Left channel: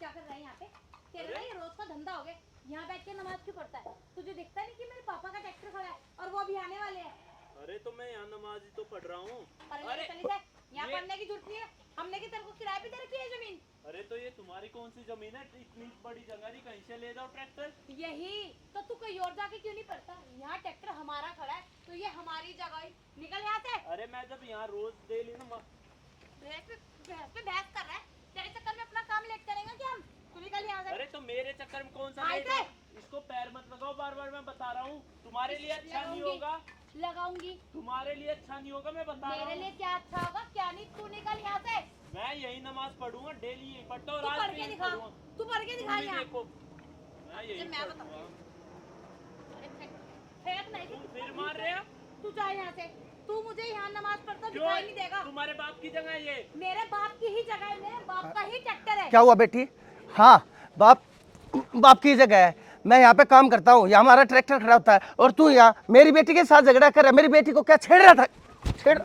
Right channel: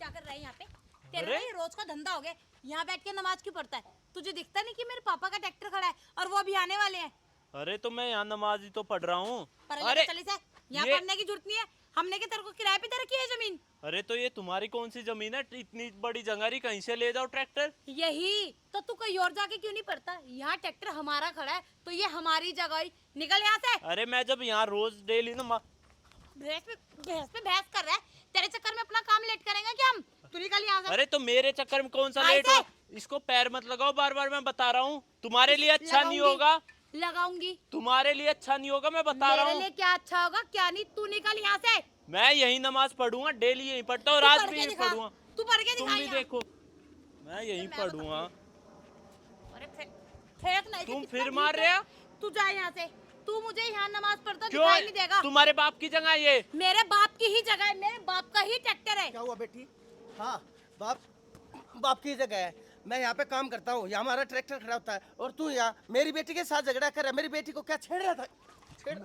क्या कर रहा है यहाँ पे? तेरा ना ये रोज का धंधा हो गया, यहाँ बैठ के नमाज क्यों पढ़ता है? तुझे दिखता नहीं कि मेरे पापा का ट्रैक्टर खड़ा है और वो अभी आने वाले हैं? अरे तो मैं यहाँ नमाज ही तो पढ़ रहा हूँ। अरे चली से, यहाँ ये पढ़ने की जरूरत नहीं है। हमने क्या तेरे को किराए पे दे रखी है जमीन? अरे तो ये तुम्हारी कौन सी जमीन है? इतनी बड़ी जंगारी कहीं से ले जाओ ट्रैक्टर। यही तो तू कहीं और जाके क्यों नहीं पढ़ता? यहाँ ट्रैक्टर हमारा खड़ा है तो ये हमारी जगह है। निकल यहाँ से। अरे मैं जब यहाँ रोज डेली नमाज भैंस पे बहस कर रहा है। तेरे चक्कर में अपना काम लेट करेंगे क्या हम? तू निकल यहाँ से। अरे तो मेरे चक्कर में कौन सा आए लेट थे। हो? इसको पैर मत लगाओ बार बार, मैं बता रहा हूँ। तुम्हारे लिए अच्छा नहीं लगाऊंगी। होगा। लगाऊंगी। तुम्हारे लिए अच्छा नहीं होगा, मैं बता रहा मेरे हूँ। लिए क्या अच्छा होगा क्या नहीं? तू निकल यहाँ से। मैं यही नमाज पढ़ूंगा, डेली यही पढ़ता हूँ, तू आज पढ़ भी के यही दिखा। पढ़ूंगा। तू पढ़ के तुम दिखा भी यहाँ। देखो, मैं यही मैं पढ़ूंगा। अरे फेंक नहीं। तुम कितना फिर ठीक मार है। रहे हो? तू जा यहाँ से। तू मुझे यहाँ नमाज पढ़ता क्यों? दिखाई नहीं देगा। तुम्हारे बाप की जगह ये। मेरे बाप की ही जगह है, मेरे बाप का ही ट्रैक्टर है। क्या हुआ बेटी? हाँ, बाप बाप की जगह है। मैं यहाँ पे काम करता हूँ, यहाँ हमारा ट्रैक्टर खड़ा होता है और तू यहाँ मेरी बेटी के साथ झगड़ा कर रहा है। मेरी बेटी को क्या छेड़ रहा था? छोड़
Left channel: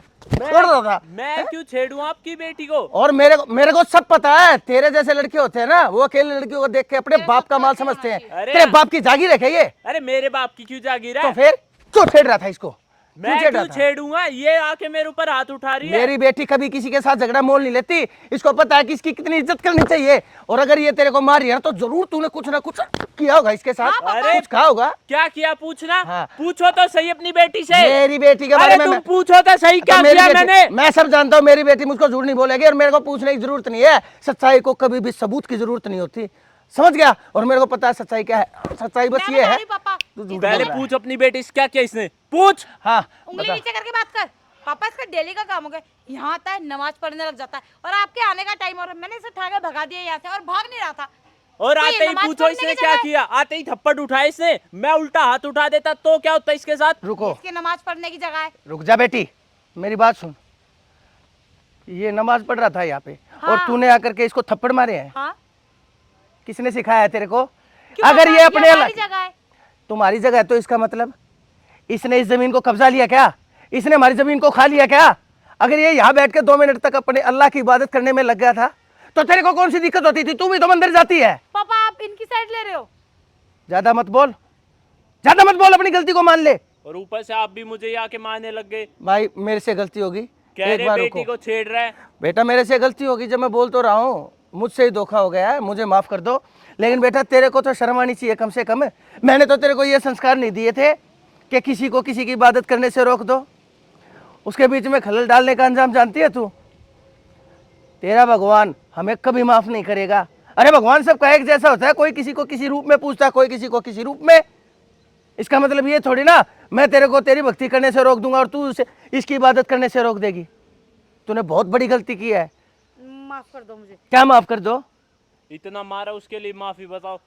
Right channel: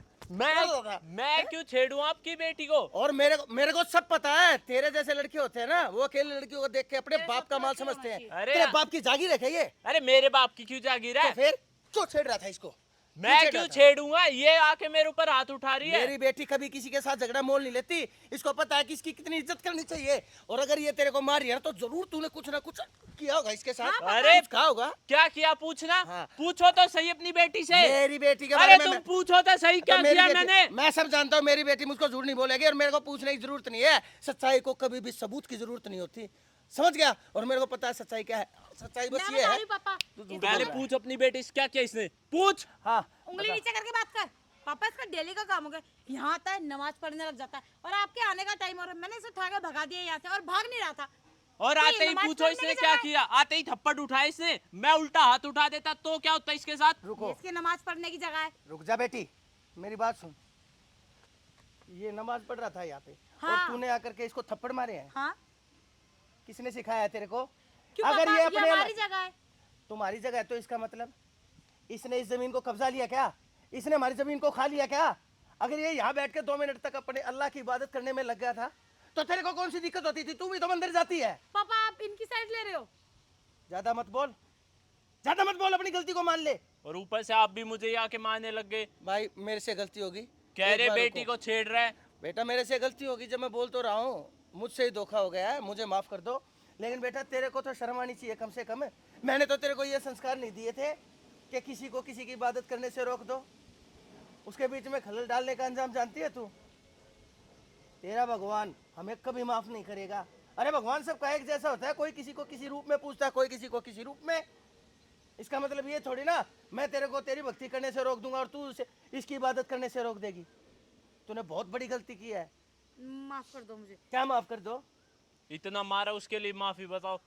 रहा था। मैं क्यों छेड़ूं आपकी बेटी को? और मेरे को सब पता है। तेरे जैसे लड़के होते हैं ना, वो अकेले लड़कियों को देख के अपने बाप का माल समझते हैं। तेरे बाप की जागीर है क्या ये? अरे मेरे बाप की क्यों जागीर तो है? फिर क्यों छेड़ रहा था इसको? मैं क्यों छेड़ूंगा? ये आके मेरे ऊपर हाथ उठा रही है। मेरी बेटी कभी किसी के साथ झगड़ा मोल नहीं लेती। इसको पता है कि इसकी कितनी इज्जत करनी चाहिए। और अगर ये तेरे को मार रही है तो जरूर तूने कुछ ना कुछ किया होगा इसके साथ। अरे कुछ कहा होगा। क्या किया पूछना? हाँ। पूछो तो सही अपनी बेटी से। मेरी बेटी के अरे बारे में तुम पूछो तो सही, क्या किया मैंने? मैं सब जानता हूँ। मेरी बेटी मुझको झूठ नहीं बोलेगी और मेरे को पूछने की जरूरत नहीं है। सच्चाई को कभी भी सबूत की जरूरत नहीं होती, समझ गया? और मेरे को पता है सच्चाई क्या है। सच्चाई बस ये है। तू झूठ बोल पहले रहा है। पूछ अपनी बेटी से क्या किया इसने, पूछ। हाँ, उंगली बता। नीचे करके बात कर। पापा इसका डेली का काम हो गया, यहाँ आता है नमाज पढ़ने लग जाता है और आपके आने का टाइम हो रहा है। मैंने इसे उठा के भगा दिया यहाँ से और भाग नहीं रहा था। और तो ये आते ही नमाज पूछो पढ़ने इसने की क्या जगह है। किया। आते ही थप्पड़ उठाया इसने, मैं उल्टा हाथ उठा देता तो क्या होता इसके साथ? रुको, इसकी नमाज पढ़ने की जगह है। रुक जा बेटी, मेरी बात सुन। ये नमाज पढ़ रहा था यहाँ पे और हाँ। तूने आकर के इसको थप्पड़ मारे हैं। हाँ? किसने सिखाया है तेरे को? क्यों अगर पापा? ये अपने हमारी जगह है। तुम्हारी जगह है तो इसका मतलब इसने इस जमीन को कब्जा लिया क्या? इसने हमारी जमीन को खा लिया क्या? अगर ये यहाँ बैठ के 2 मिनट तक अपने अल्लाह की इबादत करने में लग गया था तो तेरे को कौन सी दिक्कत होती थी? तू भी तो मंदिर जाती है। पापा आप इनकी साइड ले रहे हो। ज्यादा मत बोल, ज्यादा मत बोल, अपनी गलती को मान ले। और ऊपर से आप भी मुझे ही आके मारने लग गए। भाई मेरे से गलती होगी, कह एक रहे बार बेटी रुको। को छेड़ रहा है। बेटा मेरे से गलती होगी, जब मैं बोल तो रहा हूँ। मुझसे ही धोखा हो गया है, मुझे माफ कर दो। लेकिन बेटा तेरे को तो शर्म आनी चाहिए कम से कम। मैंने तो तेरे को ये संस्कार नहीं दिए थे कि किसी को किसी की इबादत करने से रोक दो। उसके बीच में खलल डालने का अंजाम जानती है तू? तेरा भगवान हमें कभी माफ नहीं करेगा। अरे भगवान सबका एक जैसा होता है, कोई किसी को किसी रूप में पूछता है, कोई किसी को किसी रूप में। इसका मतलब ये थोड़ी ना मैं तेरे को तेरी भक्ति करने से रोक दूंगा और तू उसे इसकी इबादत करने से रोक देगी। तूने बहुत बड़ी गलती की है। माफ कर दो मुझे। क्या माफ कर दो? इतना मारा उसके लिए माफी बताओ।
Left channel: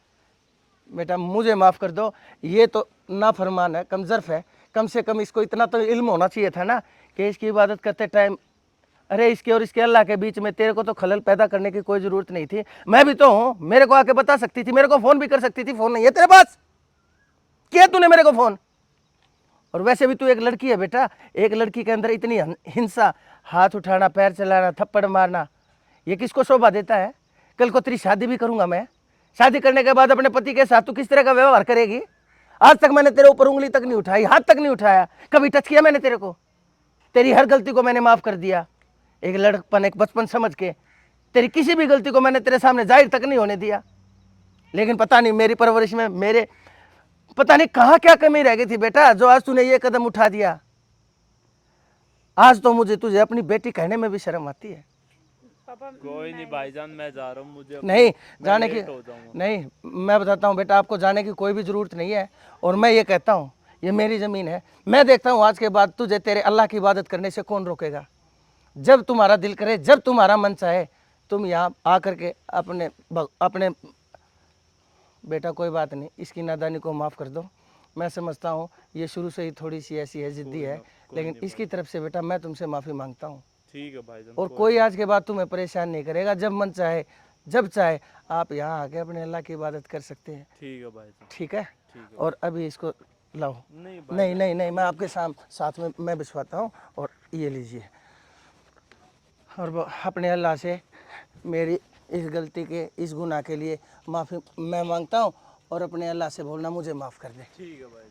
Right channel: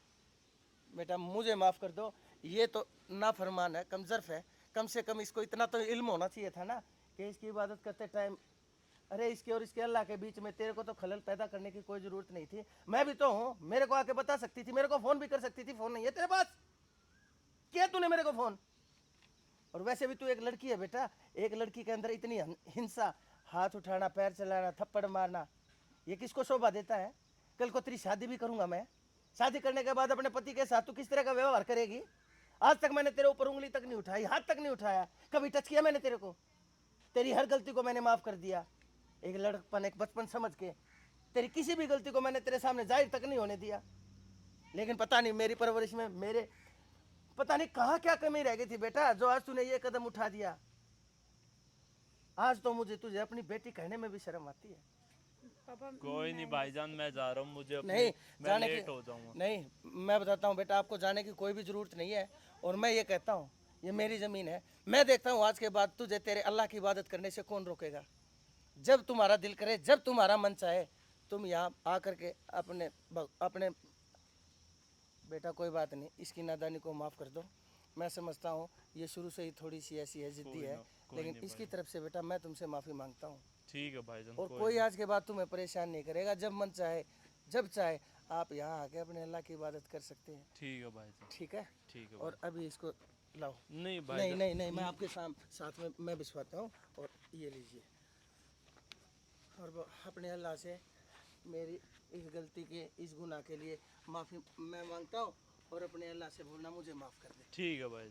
बेटा मुझे माफ कर दो, ये तो नाफरमान है, कमजर्फ है। कम से कम इसको इतना तो इल्म होना चाहिए था ना कि इसकी इबादत करते टाइम अरे इसके और इसके अल्लाह के बीच में तेरे को तो खलल पैदा करने की कोई जरूरत नहीं थी। मैं भी तो हूँ, मेरे को आके बता सकती थी, मेरे को फोन भी कर सकती थी। फोन नहीं है तेरे पास, किया तूने मेरे को फोन? और वैसे भी तू एक लड़की है बेटा, एक लड़की के अंदर इतनी हिंसा, हाथ उठाना, पैर चलाना, थप्पड़ मारना, ये किसको शोभा देता है? कल को तेरी शादी भी करूंगा मैं, शादी करने के बाद अपने पति के साथ तू किस तरह का व्यवहार करेगी? आज तक मैंने तेरे ऊपर उंगली तक नहीं उठाई, हाथ तक नहीं उठाया, कभी टच किया मैंने तेरे को? तेरी हर गलती को मैंने माफ कर दिया, एक लड़कपन एक बचपन समझ के। तेरी किसी भी गलती को मैंने तेरे सामने जाहिर तक नहीं होने दिया। लेकिन पता नहीं मेरी परवरिश में मेरे पता नहीं कहाँ क्या कमी रह गई थी बेटा, जो आज तूने ये कदम उठा दिया। आज तो मुझे तुझे अपनी बेटी कहने में भी शर्म आती है। पापा कोई नहीं भाईजान, मैं जा रहा हूँ। मुझे नहीं जाने की लेट हो जाऊंगा। नहीं, मैं बताता हूँ बेटा, आपको जाने की कोई भी ज़रूरत नहीं है। और मैं ये कहता हूँ ये मेरी ज़मीन है, मैं देखता हूँ आज के बाद तुझे तेरे अल्लाह की इबादत करने से कौन रोकेगा। जब तुम्हारा दिल करे, जब तुम्हारा मन चाहे, तुम यहाँ आकर के अपने बेटा कोई बात नहीं, इसकी नादानी को माफ़ कर दो। मैं समझता हूँ ये शुरू से ही थोड़ी सी ऐसी है, ज़िद्दी है, लेकिन इसकी तरफ से बेटा मैं तुमसे माफ़ी मांगता हूँ। ठीक है भाईजान। और कोई आज के बाद तुम्हें परेशान नहीं करेगा। जब मन चाहे, जब चाहे आप यहाँ आके अपने अल्लाह की इबादत कर सकते हैं। ठीक है भाईजान। ठीक है? ठीक है। और अभी इसको लाओ। नहीं नहीं नहीं नहीं, मैं आपके साथ में मैं बिछवाता हूँ। और ये लीजिए, और अपने अल्लाह से मेरी इस गलती के, इस गुनाह के लिए माफ़ी मैं मांगता हूँ और अपने अल्लाह से बोलना मुझे माफ़ कर दे। ठीक है भाई।